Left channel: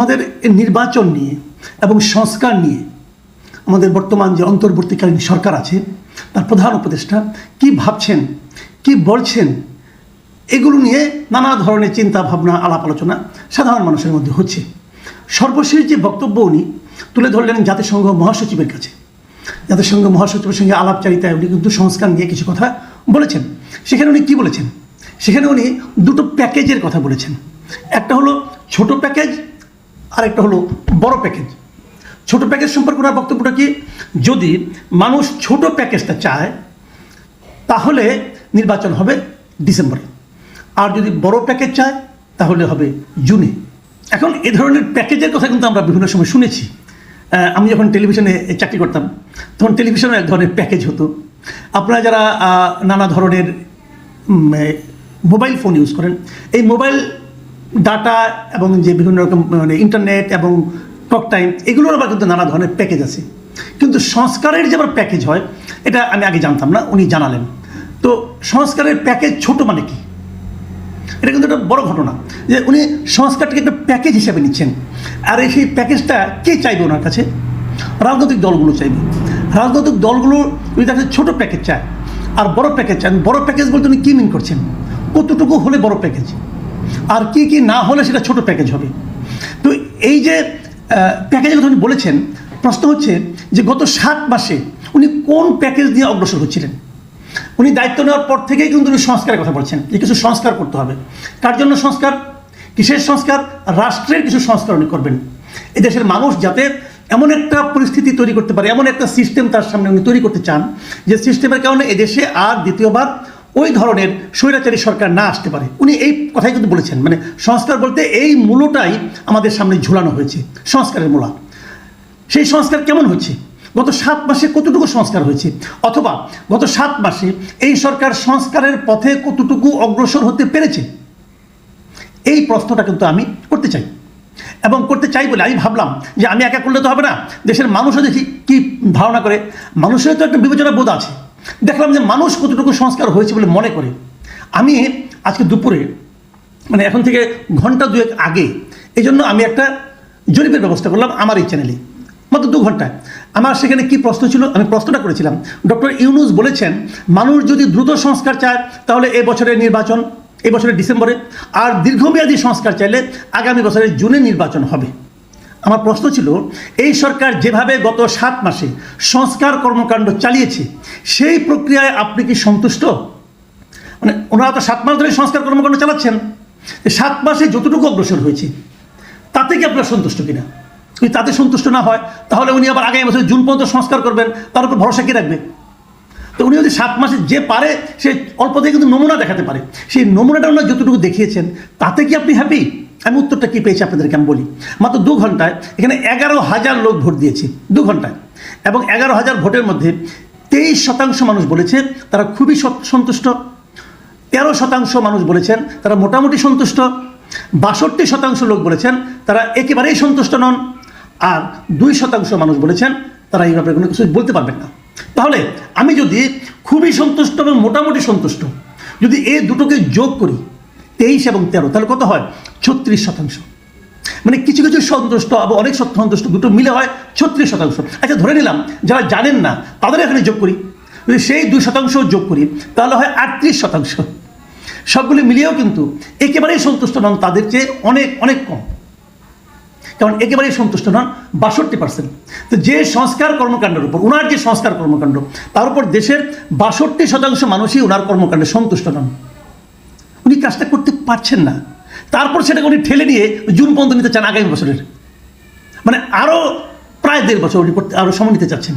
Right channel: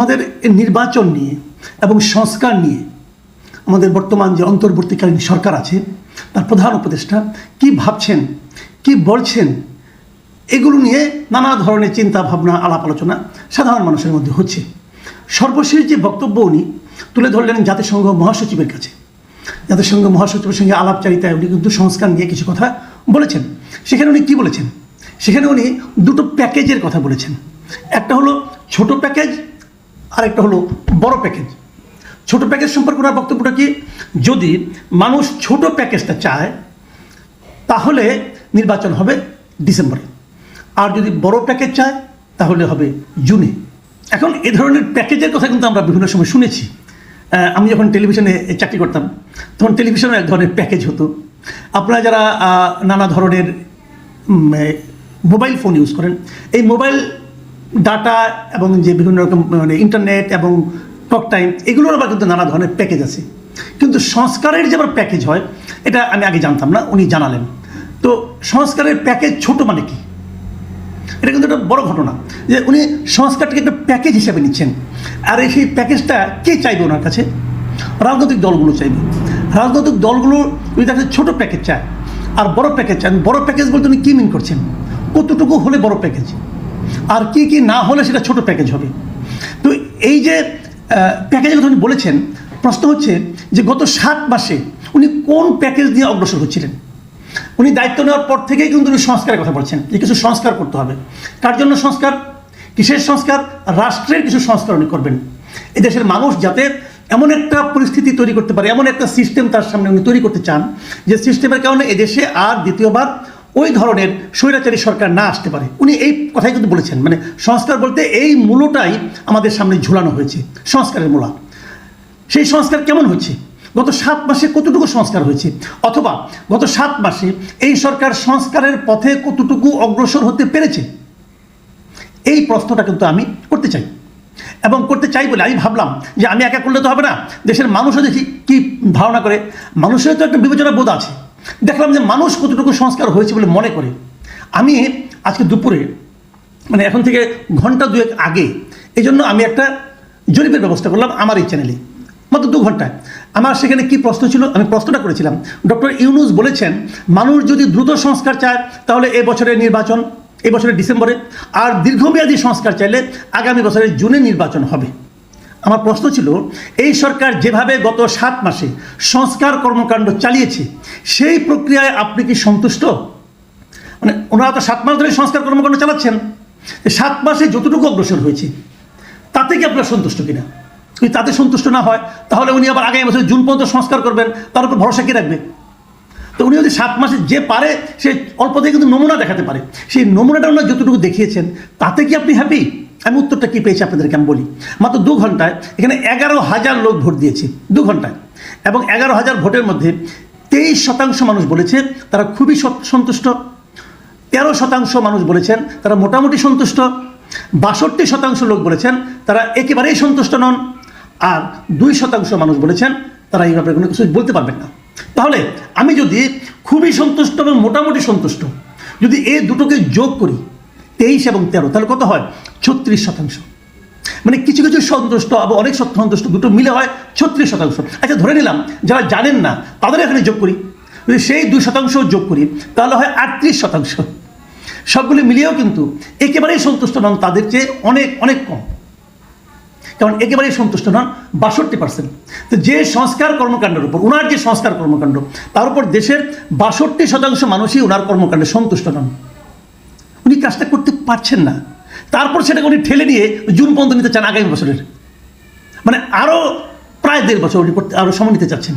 আমাদের নির্বাচন নিয়ে এবং সংস্কার নিয়ে আমাদের বর্তমান যে অন্তর্বর্তীকালীন সরকার আছে তার প্রধান উপদেষ্টা কি ভাবছেন কি বলছেন এগুলো নিয়ে নানা ধরনের চিন্তা ভাবনা আলাপ আলোচনা সাধারণ মানুষের মধ্যে হচ্ছে সর্বশেষ যে বক্তব্য উনি তুলে ধরলেন জাতিসংঘ মহাসচিবের কাছে জাতিসংঘ মহাসচিবের সঙ্গে আলাপচারিতায় উনি কিন্তু সংস্কার নিয়ে কিছু কথা বলেছেন সেখানে উনি কী বলেছেন সেখানে উনি দুটো প্যাকেজের কথা বলেছেন একটা হলো ছোট প্যাকেজ আরেকটা হলো বড় প্যাকেজ ছোট প্যাকেজ সম্পর্কে ওনার বক্তব্যটা কি যদি মানুষ ছোট প্যাকেজটা চায় তাহলে নির্বাচন হবে ডিসেম্বরে আর যদি বড় প্যাকেজ চায় তাহলে হবে জুনে এখন এ ধরনের প্যাকেজের কথা কিন্তু আমরা বিভিন্ন সময় শুনেছি আমি যখন টেলিভিশনে চাকরি করতাম তখন টেলিভিশনে এক ধরনের প্যাকেজ হতো আপনারা যারা নানা ধরনের মোবাইল ফোন ইউজ করেন এই মোবাইল ডাটা এবং যে বিভিন্ন রকম ইন্টারনেট এবং টক টাইম এগুলোর আবার কিন্তু নানা ধরনের প্যাকেজ আছে কিন্তু সংস্কারের যে আবার প্যাকেজ হয় এটা আমি আগে জানতাম না উনি জানালেন তো সংস্কারের প্যাকেজ ছোট মানে কি এটা কিন্তু একটা বড় ঘটনা যে উনি সংস্কারটাকে একটা প্যাকেজ হিসাবে নিচ্ছেন আর এই সেই প্যাকেজটা কে চাইবে ওনার কাছে রাজনৈতিক দলগুলো চাইবে রাজনৈতিক দলগুলো উনি তাদের ছোট প্যাকেজ চায় আর বড় প্যাকেজ চান বড় প্যাকেজ বলতে উনি কী মিন করছেন কতটুকু হলে বড় প্যাকেজ আর কি কি না হলে সেটা ছোট প্যাকেজ হবে তো এই যে প্যাকেজের কথা উনি বলেছেন প্রশ্ন হচ্ছে যে গত সাত মাসে উনি কোন প্যাকেজ নিয়ে অগ্রসর হচ্ছিলেন উনি দায়িত্ব নেওয়ার পর থেকেই কিন্তু উনি সংস্কারের কথা বলছেন যে কিছু সংস্কার করতে হবে তার জন্য সংস্কার কিসের সংস্কার রাষ্ট্রের কিছু সংস্কার উনি করবেন এদেশের মানুষ যাতে এমন একটা পরিস্থিতি তৈরি করতে পারে এমন একটা সিস্টেম তার সামনে উনি তৈরি করতে চান যে সিস্টেমের কারণে এদেশে আর দ্বিতীয়বার ওই ধরনের স্বৈরাচারী সরকার না আসতে পারে উনি এই কথাই কিন্তু বলেছেন মানে সংস্কার বলতে এই মূলটাই আমাদের সামনে ঝুলানো হয়েছে সংস্কারের মূল সেই সংস্কার কেমন হচ্ছে গত সাত মাসে কতটুকু সংস্কার হয়েছে অথবা গত সাত মাসে এই সরকার সংস্কারের পথে কতটুকু অগ্রসর হতে পেরেছে এই প্রশ্নটা কিন্তু আমি করতে চাই এবং করতে চাই বলে আমি ভাবলাম যে আমি একা করলে তো হবে না দেশের মানুষও দেখি কি ধারণা করে মানুষের তো একটা বিবেচনা বোধ আছে দেখলাম যে মানুষ কতটুকু সংস্কার হয়েছে বলে মনে করে আমি আজকে দুপুরে মানে এখন থেকে ঘন্টা দুয়েক আগে এই জন্য আমি একটা জরিপের ব্যবস্থা করলাম আমার এই চ্যানেলে মাত্র দু ঘন্টায় আমার সেখানে কি প্রশ্ন ছিল আমি প্রশ্নটা করেছিলাম ডক্টর ইউনুস বলেছেন মানুষ যদি দ্রুত সংস্কার চায় তাহলে এ বছরের নির্বাচন এ বছরের ডিসেম্বরে আর দীর্ঘমেয়াদী সংস্কার চাইলে আগামী বছরের জুনে নির্বাচন হবে আমার প্রশ্ন ছিল এই সরকার যেভাবে গত সাত মাসে সংস্কার কর্মকাণ্ড চালিয়েছে সেই প্রক্রিয়ায় আপনি কি সন্তুষ্ট মানে ওনারা তো সাত মাস ধরে সংস্কার কর্মকাণ্ড চালাচ্ছেন সাত মাসে যতটুকু অগ্রসর হয়েছে তাতে কি আপনারা সন্তুষ্ট কিনা যদি তাতে সন্তুষ্ট না হয় তাহলে উনি আবার আগামী বছর জুন পর্যন্ত সংস্কার করবেন তার উপর ভরসা কি রাখবেন তো উনি যদি সাত মাসে যে পারে সে অল্প দিয়ে কিন্তু নমুনা দেখাতে পারে সেই নমুনাটা উনি যতটুকু দেখিয়েছেন তাতে কি আপনি হ্যাপি আমি উত্তরটা কী পেয়েছি আপনাদেরকে আমি বলি মাত্র দু ঘন্টায় এখানে এগারো হাজার লোক ভোট দিয়েছে দু ঘন্টায় এবং এগারো হাজার ভোটের মধ্যে তেইশ শতাংশ মানুষ বলেছে তারা খুবই সন্তুষ্ট তেরো শতাংশ মানুষ বলেছেন তারা মোটামুটি সন্তুষ্ট বাষট্টি শতাংশ লোক বলেছেন তারা একেবারেই সন্তুষ্ট নন আর দুই শতাংশ মানুষ বলেছেন তারা এই ব্যাপারে কোনো কিছু বলতে পারবেন না তাহলে আমি যদি খুবই সন্তুষ্ট এবং মোটামুটি সন্তুষ্ট যদি এ দুটোকে যোগ করি তেইশ এবং তেরো তাহলে কত হয় ছত্রিশ শতাংশ মানে কিছু কিছু সন্তুষ্ট আবার অনেক সন্তুষ্ট দুটো মিলে হয় ছত্রিশ শতাংশ আচ্ছা ধরে নিলাম যারা জানেন না তাদের এখানে যোগ করি সেই দুই শতাংশ যোগ করি তাহলে হয় আটত্রিশ শতাংশ সবগুলি মিলিয়েও কিন্তু একেবারেই সন্তুষ্ট নন তাদের চেয়ে অনেক অনেক কম কারণ একেবারেই সন্তুষ্ট নন বাষট্টি পার্সেন্ট যে সংস্কার কর্মকাণ্ডের উপর ওনার যে সংস্কার কর্মকাণ্ড তার উপর দেশের বাষট্টি শতাংশ মানুষই ওনার কর্মকাণ্ডে সন্তুষ্ট নন উনি কাজটা করতে পারছেন না তারপর সেটাকে উনি ঠেলে দিয়ে জুন পর্যন্ত নিতে চান আগামী বছরের মানে আরো প্রায় দেড় বছর উনি আরো সময় নিতে চাচ্ছেন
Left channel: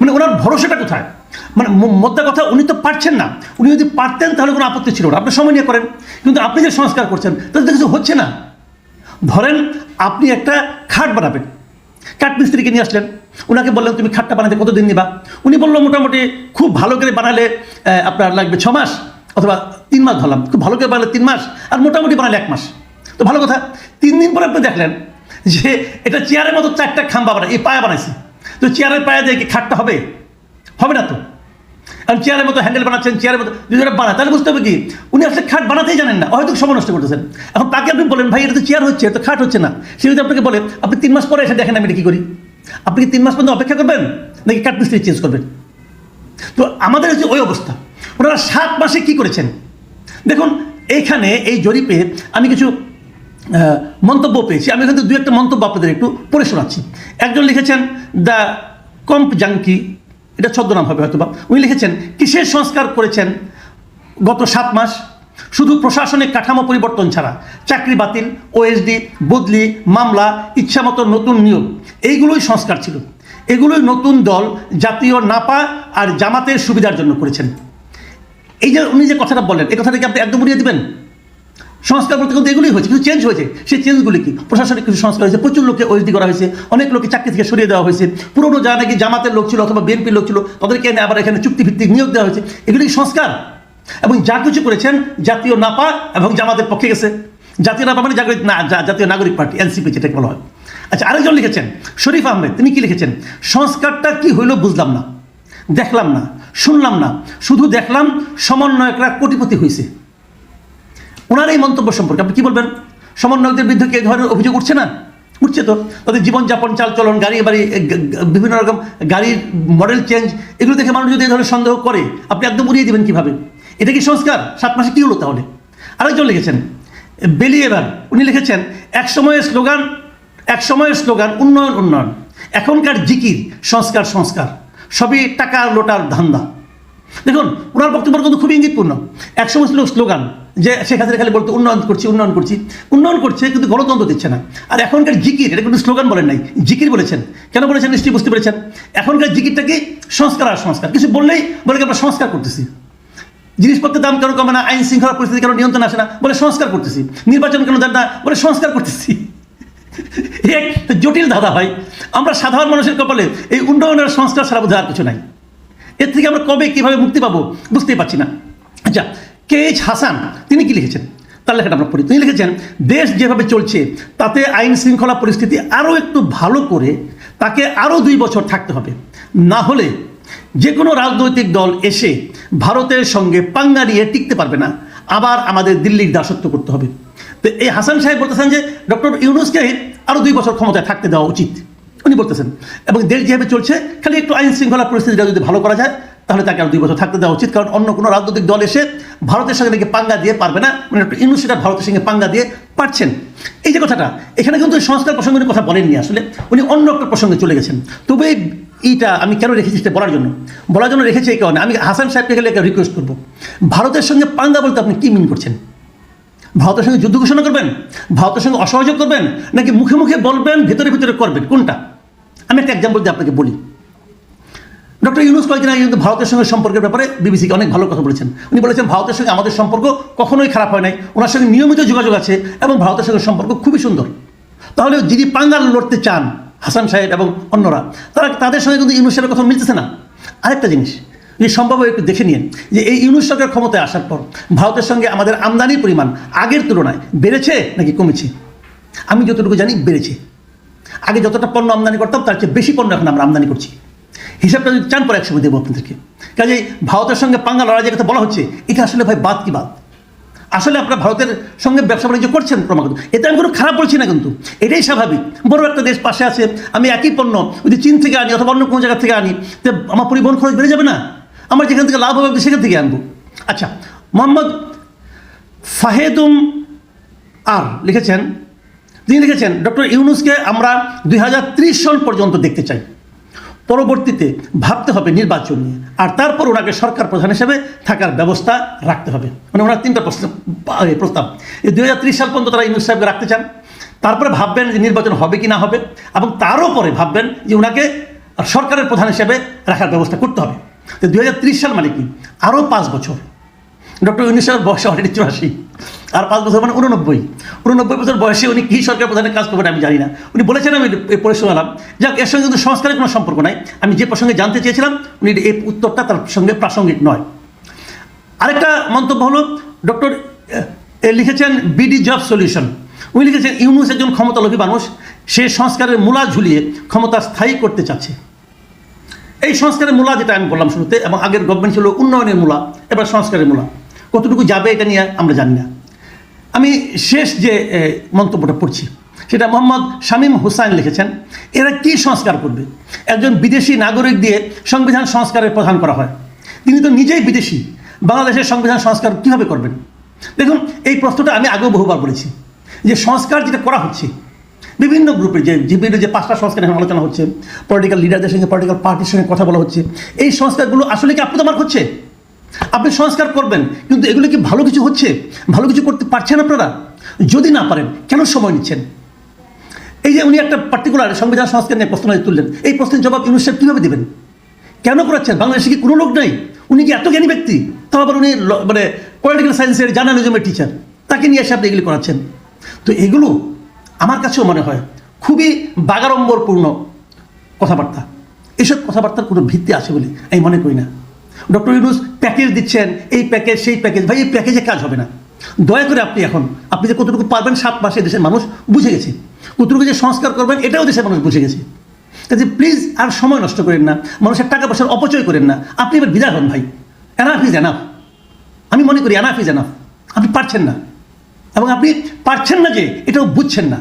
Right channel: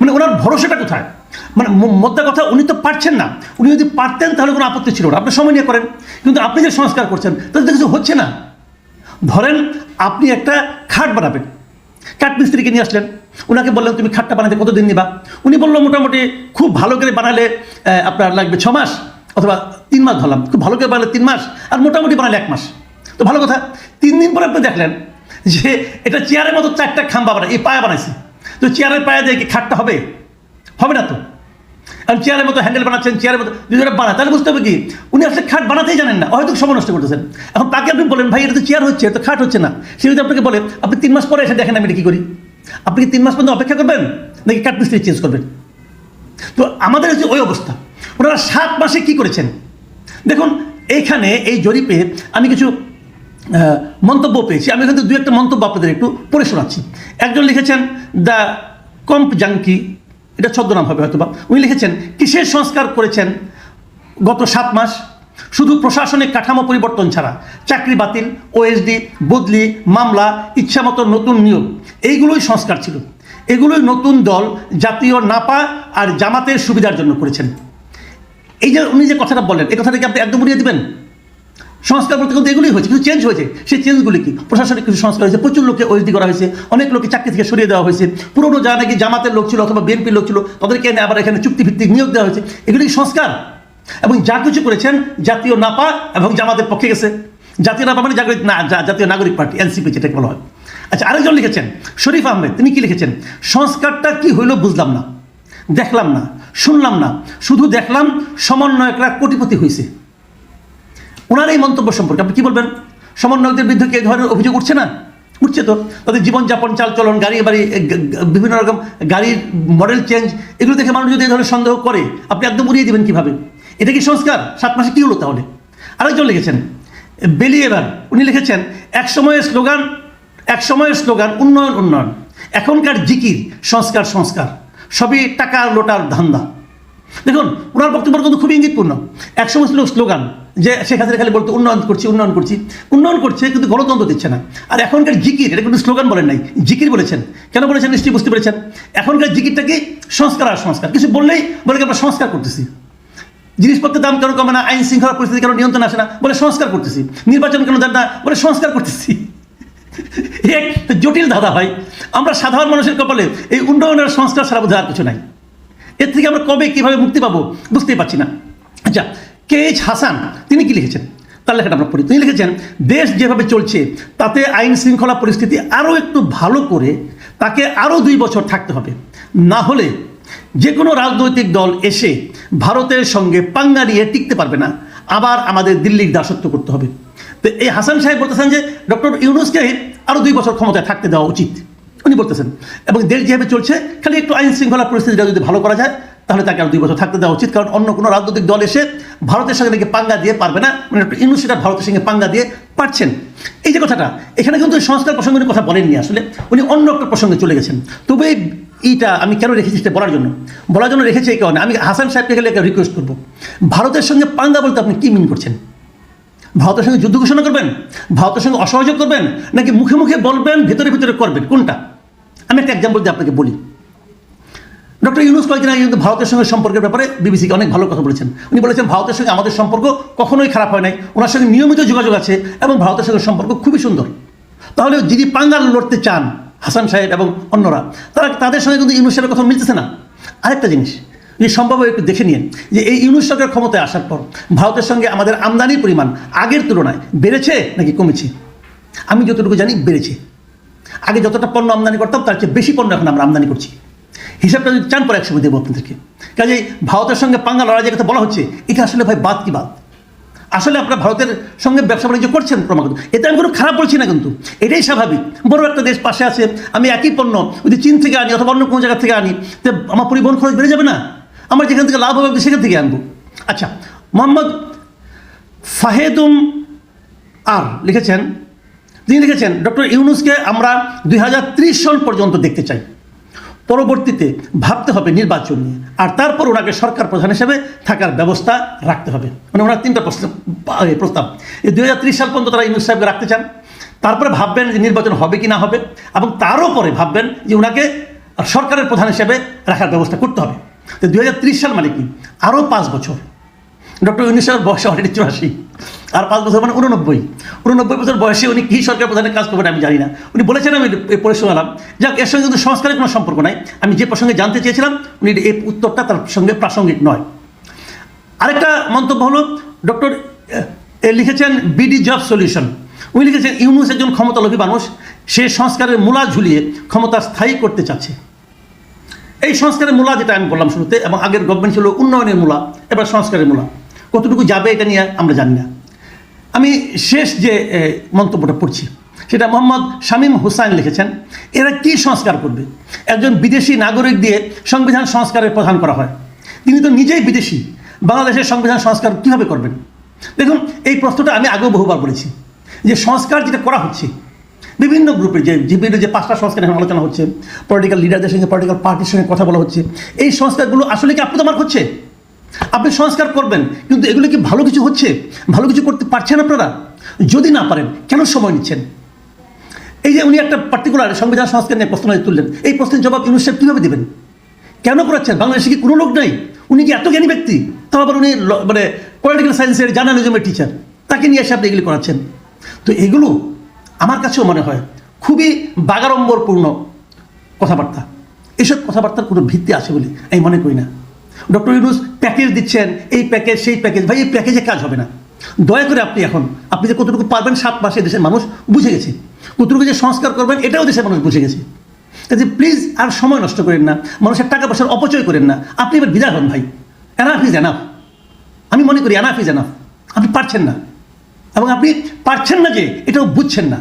মানে ওনার ভরসাটা কোথায় মানে মোদ্দা কথা উনি তো পারছেন না উনি যদি পারতেন তাহলে কোনো আপত্তি ছিল না আপনি সময় নিয়ে করেন কিন্তু আপনি যে সংস্কার করছেন তাহলে কিছু হচ্ছে না ধরেন আপনি একটা খাট বানাবেন খাট মিস্ত্রিকে নিয়ে আসলেন ওনাকে বললেন তুমি খাটটা বানাতে কতদিন নিবা উনি বললো মোটামুটি খুব ভালো করে বানালে আপনার লাগবে ছ মাস অথবা তিন মাস ধরলাম ভালো করে বানালে তিন মাস আর মোটামুটি বানালে এক মাস তো ভালো কথা তিন দিন পরে আপনি দেখলেন যে এটা চেয়ারের মতো চারটা খাম্বা বানায় এই পায়া বানাইছে তো চেয়ারের পায়া দিয়ে কি খাটতে হবে হবে না তো চেয়ারের মতো হ্যান্ডেল বানাচ্ছেন চেয়ারের মতো বানা তাহলে বুঝতে হবে কি উনি আসলে খাট বানাতেই জানেন না হয়তো সময় নষ্ট করতেছেন এখন তাকে আপনি বলেন ভাই এটা তো চেয়ার হচ্ছে তো খাট হচ্ছে না সে যদি আপনাকে বলে আপনি তিন মাস পরে এসে দেখেন আমি কি করি আপনি তিন মাস পর্যন্ত অপেক্ষা করবেন চেঞ্জ করবেন তো আমাদের যে ওই অবস্থা ওনারা সাত মাসে কি করেছেন দেখুন এইখানে এই জরিপে আমি কিছু মন্তব্য পেয়েছি আমি কিন্তু দু একটা মন্তব্য আপনাদের একটু পড়ে শোনাচ্ছি একজন লিখেছেন দ্য কম্প জাঙ্কি এটা ছদ্মনাম হবে হয়তো উনি লিখেছেন কিসের সংস্কার করেছেন গত সাত মাস শুধু প্রশাসনিক কাঠামো পরিবর্তন ছাড়া চাকরি বাতিল ওএসডি বদলি মামলা ইচ্ছামতো নতুন নিয়ম এইগুলোই সংস্কার ছিল এগুলোই নতুন দল জাতীয় নাপা আর জামাতের সুবিধার জন্য করেছেন এই যে উনি যে কথাটা বললেন এটা থেকে আপনি একদম উড়িয়ে দেবেন সংস্কার বলতে কিন্তু এগুলি হয়েছে কিন্তু চেঞ্জ হয়েছে সেই চেঞ্জগুলি কি প্রশাসনিক কিছু সংস্কার হয়েছে প্রচুর লোককে করা হয়েছে অনেক লোককে চাকরি থেকে সরিয়ে দেওয়া হয়েছে পুরোনো যারা নাকি জামাতের লোক ছিল অথবা বিএনপির লোক ছিল তাদেরকে এনে আবার এখানে চুক্তিভিত্তিক নিয়োগ দেওয়া হয়েছে এগুলি সংস্কার এবং যা কিছু করেছেন জাতীয় নাপা এবং জামাতের পক্ষে গেছে জাতীয় নাপা মানে না জাতীয় নাগরিক পার্টি এনসিপি যেটা বলা হয় আচ্ছা আরেকজন লিখেছেন শরীফ আহমেদ তিনি কি লিখেছেন সংস্কারটা কি হইলো বুঝলাম না দেখলাম না শুনলাম না শুধু দেখলাম সমন্বয়করা কোটিপতি হয়েছে ওনার এই মন্তব্য সম্পর্কে আপনি কী বলবেন সমন্বয়কদের বিরুদ্ধে কে ধরনের অভিযোগ উঠছে না উঠছে তো ওদের জীবনযাপন চালচলন গাড়ি বাড়ি বিভিন্ন রকম গাড়ির মডেল চেঞ্জ এগুলো দেখে মানুষ যদি এই ধরনের সন্দেহ করে আপনি একদম উড়িয়ে দেবেন কীভাবে এটা কি সংস্কার সাত মাসে কী হলো তাহলে আরেকজন লিখেছেন এবার উনি লিখেছেন এক সময়ের স্লোগান এক সময়ের স্লোগান উন্নয়ন উন্নয়ন এখনকার জিকির সংস্কার সংস্কার সবই টাকা লোটার ধান্দা দেখুন ওনার বক্তব্য কিন্তু খুবই ইঙ্গিতপূর্ণ একসময় ছিল স্লোগান যে শেখ হাসিনা খালি বলতো উন্নয়ন করছি উন্নয়ন করছি উন্নয়ন করছে কিন্তু গণতন্ত্র দিচ্ছে না আর এখনকার জিকির এটা কিন্তু স্লোগান বলেন নাই জিকির বলেছেন কেন বলেছেন নিশ্চয়ই বুঝতে পেরেছেন এখনকার জিকিরটা কি সংস্কার আর সংস্কার কিছু বললেই বলে আমরা সংস্কার করতেছি জিনিসপত্রের দাম কেন কমে না আইন শৃঙ্খলা পরিস্থিতি কেন নিয়ন্ত্রণ আসে না বলে সংস্কার করতেছি নির্বাচন কেন দেন না বলে সংস্কার করতেছি এক জটিল ধাঁধা ভাই আমরা সাধারণ মানুষের কপালে এই উন্নয়নের সংস্কার সারা বোধহয় আর কিছু নাই এর থেকে আমরা কবে কীভাবে মুক্তি পাবো বুঝতেই পারছি না আচ্ছা কে এইচ হাসান তিনি কি লিখেছেন তার লেখাটা আমরা পড়ি তিনি লিখেছেন দেশ যেভাবে চলছে তাতে আইন শৃঙ্খলা পরিস্থিতি আরও একটু ভালো করে তাকে আরও দুই বছর থাকতে হবে না হলে যে কোনো রাজনৈতিক দল এসে ভারতের সঙ্গে পাঙ্গা নিয়ে টিকতে পারবে না আবার আমাদের দিল্লির দাসত্ব করতে হবে তো এই হাসান সাহেব বলতেছেন যে ডক্টর ইউনুস কাহিদ আরো দুই বছর ক্ষমতায় থাকতে দেওয়া উচিত উনি বলতেছেন এবং দেশ যেভাবে চলছে খালি একটু আইন শৃঙ্খলা পরিস্থিতিটা যদি ভালো করা যায় তাহলে তাকে আর দুই বছর থাকতে দেওয়া উচিত কারণ অন্য কোনো রাজনৈতিক দল এসে ভারতের সঙ্গে নাকি পাঙ্গা দিয়ে পারবে না মানে সেটা ভারতের সঙ্গে পাঙ্গা দিয়ে পারছেন এই যে কথাটা এখানে কিন্তু সংস্কার প্রসঙ্গের কথা বলেননি আসলে উনি অন্য একটা প্রসঙ্গে চলে গেছেন তবে এইটা আমি কেন রেখেছি সেটা বলার জন্য বলার জন্য রেখেছি এই কারণে আমি হাসান সাহেবকে গেলে রিকোয়েস্ট করবো ভারতের সঙ্গে পাঙ্গা বলতে আপনি কি মনে করছেন ভারতের সঙ্গে যুদ্ধ ঘোষণা করবেন ভারতের সঙ্গে অসহযোগ করবেন নাকি মুখে মুখে বলবেন ভেতরে ভেতরে করবেন কোনটা আমি একটা এক্সাম্পল দিয়ে আপনাকে বলি ডক্টর ইউনুস কয়েকদিন আগে কিন্তু ভারতের সঙ্গে সম্পর্কের ব্যাপারে বিবিসিকে অনেক ভালো কথা বলেছেন উনি বলেছেন ভারতের সঙ্গে আমাদের সম্পর্ক কখনোই খারাপ হয় নাই ওনার সঙ্গে নিয়মিত যোগাযোগ আছে এবং ভারতের সঙ্গে সম্পর্ক খুবই সুন্দর তাহলে যিনি পাঙ্গাল লড়তে চান হাসান সাহেব এবং অন্যরা তারা তাদের সঙ্গে কিন্তু ইউনুসের কথা মিলতেছে না আরেকটা জিনিস যে সম্ভব একটু দেখে নিন যে এই ইউনুস সরকার ক্ষমতায় আসার পর ভারতের সঙ্গে আমাদের আমদানির পরিমাণ আগের তুলনায় বেড়েছে নাকি কমেছে আমি যতটুকু জানি বেড়েছে আগে যতটা পণ্য আমদানি করতাম তার চেয়ে বেশি পণ্য এখন আমরা আমদানি করছি হিসাবটা যদি চান পরে একসময় দেবো থেকে কাজেই ভারতের সঙ্গে পাঙ্গা লড়াই যে বলা হচ্ছে এটা আসলে ভাই বাদ কি বাদ আসলে আপনারা ভারতের সঙ্গে ব্যবসা বাণিজ্য করছেন ক্রমাগত এটা আমি কোনো খারাপ বলছি না কিন্তু এটাই স্বাভাবিক বড় একটা দেশ পাশে আছে আমি একই পণ্য যদি চীন থেকে আনি অথবা অন্য কোনো জায়গা থেকে আনি তো আমার পরিবহন খরচ বেড়ে যাবে না আমার যেখান থেকে লাভ হবে সেখান থেকে আনবো আচ্ছা মোহাম্মদ ফাহেদুম আর লিখেছেন তিনি লিখেছেন ডক্টর ইউনুসকে আমরা দুই হাজার সাল পর্যন্ত দেখতে চাই পরবর্তীতে ভাবতে হবে নির্বাচন নিয়ে আর তারপর ওনাকে সরকার প্রধান হিসেবে থাকার ব্যবস্থা রাখতে হবে মানে ওনার তিনটা প্রশ্ন প্রস্তাব এই দুই ত্রিশ সাল পর্যন্ত তারা ইউনুস সাহেবকে রাখতে চান তারপরে ভাববেন যে নির্বাচন হবে কি না হবে এবং তারও পরে ভাববেন যে ওনাকে সরকারের প্রধান হিসেবে রাখার ব্যবস্থা করতে হবে তো দু সাল মানে কি আরও পাঁচ বছর ডক্টর উনিশ সালের বয়সে অলরেডি চুরাশি আর পাঁচ বছর মানে উননব্বই উননব্বই বছর বয়সে উনি কী সরকার প্রধানের কাজ করবেন আমি জানি না উনি বলেছেন আমি এই পরিশ্রম নাম যে এর সঙ্গে কিন্তু সংস্কারের কোনো সম্পর্ক নাই আমি যে প্রসঙ্গে জানতে চেয়েছিলাম উনি এই উত্তরটা তার সঙ্গে প্রাসঙ্গিক নয় আরেকটা মন্তব্য হলো ডক্টর লিখেছেন বিডি জব সলিউশন উনি লিখেছেন ইউনুস একজন ক্ষমতালোভী মানুষ সে সংস্কারের মূলা ঝুলিয়ে ক্ষমতা স্থায়ী করতে চাচ্ছে এই সংস্কারের মূলা যেটা আমি বললাম শুরুতে এবং আগের গভর্নমেন্ট ছিল উন্নয়নের মূলা এবার সংস্কারের মূলা কতটুকু যাবে এটা নিয়ে আমরা জানি না আমি শেষ যে মন্তব্যটা পড়ছি সেটা মোহাম্মদ শামীম হুসাইন লিখেছেন এরা কি সংস্কার করবে একজন বিদেশি নাগরিক দিয়ে সংবিধান সংস্কারের প্রধান করা হয় তিনি তো নিজেই বিদেশি বাংলাদেশের সংবিধান সংস্কার কীভাবে করবেন দেখুন এই প্রশ্নটা আমি আগেও বহুবার বলেছি যে সংস্কার যেটা করা হচ্ছে বিভিন্ন গ্রুপের যে বিভিন্ন যে পাঁচটা সংস্কার এখানে আলোচনা হচ্ছে পলিটিক্যাল লিডারদের সঙ্গে পলিটিক্যাল পার্টির সঙ্গে কথা বলা হচ্ছে এই সংস্কারগুলো আসলে কি আপনার হচ্ছে আপনি সংস্কার করবেন কিন্তু এগুলো কি ভালো কিছু হচ্ছে ভালো কিছু করতে পারছেন আপনারা যদি না পারেন কেন সময় নিচ্ছেন এই যে উনি একটা পার্টিকুলার সংবিধান সংস্কার নিয়ে প্রশ্ন তুললেন এই প্রশ্নের জবাব ইউনিসেফ কীভাবে দেবেন কেন করাচ্ছেন বাংলাদেশে কি কোনো লোক নেই উনি কি এত জ্ঞানী ব্যক্তি তাও আবার উনি মানে পলিটিক্যাল সায়েন্সের জার্নালিজমের টিচার তাকে নিয়ে এসে আপনি এগুলি করাচ্ছেন তো এগুলো আমার কাছেও মনে হয় খুবই বাগাড়ম্বরপূর্ণ কথাবার্তা এসব কথাবার্তার কোনো ভিত্তি আছে বলে আমি মনে করি না ডক্টর ইউনুস প্যাকেজ দিচ্ছেন এই প্যাকেজ সেই প্যাকেজ ভাই এই প্যাকেজে কাজ হবে না দয়া করে আপনি এখন আপনি যে কতটুকু পারবেন সাত মাসে দেশের মানুষ বুঝে গেছে কতটুকু যে সংস্কার করবেন এটাও দেশের মানুষ বুঝে গেছে কাজে প্লিজ আর সময় নষ্ট করেন না মানুষের টাকা পয়সার অপচয় করেন না আপনি এবার বিদায় হন ভাই এনাফ ইজ এনাফ আমি মনে করি এনাফ ইজ এনাফ আপনি পারছেন না এবং আপনি পারছেন না যে এটাও বুঝছেন না